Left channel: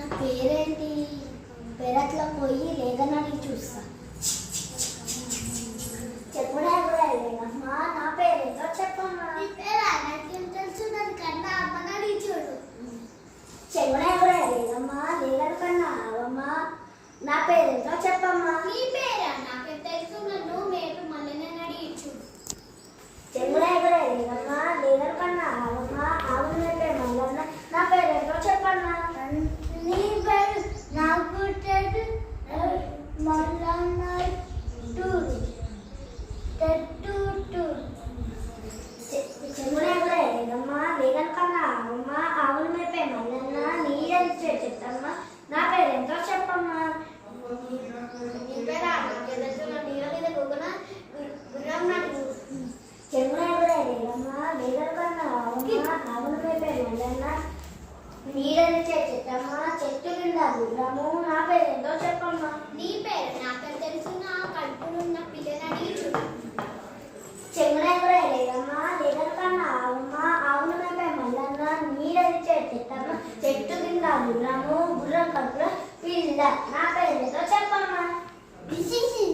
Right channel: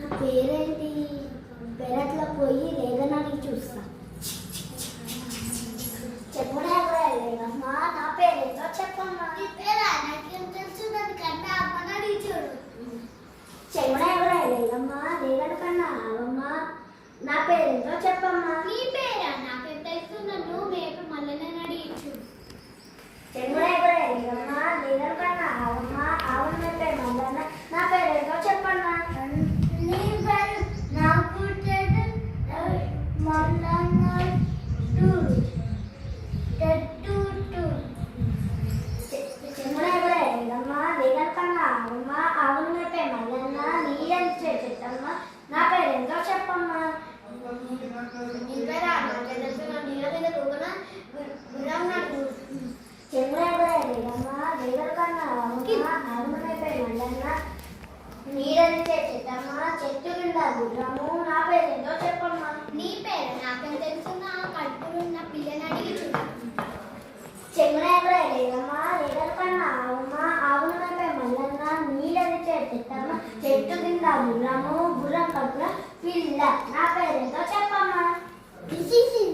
నా పేరేంటి? పెరట్లో పోయి లేదనని చూస్తా. చెప్పుడే కూడా లేదమ్మా. నా పేరేంటో చెప్పమ్మా. నీ పేరు నాకేం తెలుసు? దాని కన్నా అమ్మని చూడు. చెప్పుడే కూడా లేదమ్మా. లేదని కన్నా అవమ్మా. నా పేరేంటో చెప్పమ్మా. నీ పేరా? నాకేం తెలుసు? నన్ను మేపు మళ్ళీ అడిగి చూడు. చెప్పుడే కూడా లేదమ్మా. లేదని కన్నా అవమ్మా. అవును మేపే మళ్ళీ నా పేరేంటో చెప్పన్నా. నీ పేరు నాకు తెలుసు. మళ్ళీ చెమ్మా వేగన్ కన్నా అమ్మ అవును మేపే మల్లన్న నీళ్ళని చెట్టమ్మా. నా పేరేంటో చెప్పమ్మా. నీ పేరా? నీళ్ళ మీద కూకున గుర్రం నాకు. చెమ్మా వేగమ్మా వేగన్ కన్నా అమ్మ అవును మేపే మల్లన్న నీళ్ళని చెట్టమ్మా. చెట్టు కింద గుర్రము. నా పేరేంటో చెప్పమ్మా. నీ పేరు నాకేం తెలుసు? నా కడుపులున్న పిల్లని అడిగి చూడు. చెమ్మా లేదమ్మా. లేదని కన్నా అమ్మ అవును మేపే మల్లన్న నీళ్ళని చెట్టమ్మా. చెట్టు కింద గుర్రము. గుర్రం కడుపుల పిల్ల. నా పేరేంటో చెప్పమ్మా.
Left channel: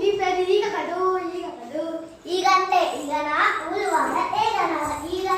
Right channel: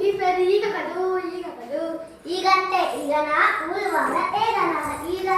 మీ పేరు ఈగ కదు. ఈగ కదు. ఈగంటే ఈగనా? ఊరు వాళ్ళ ఏగనా? ఈగ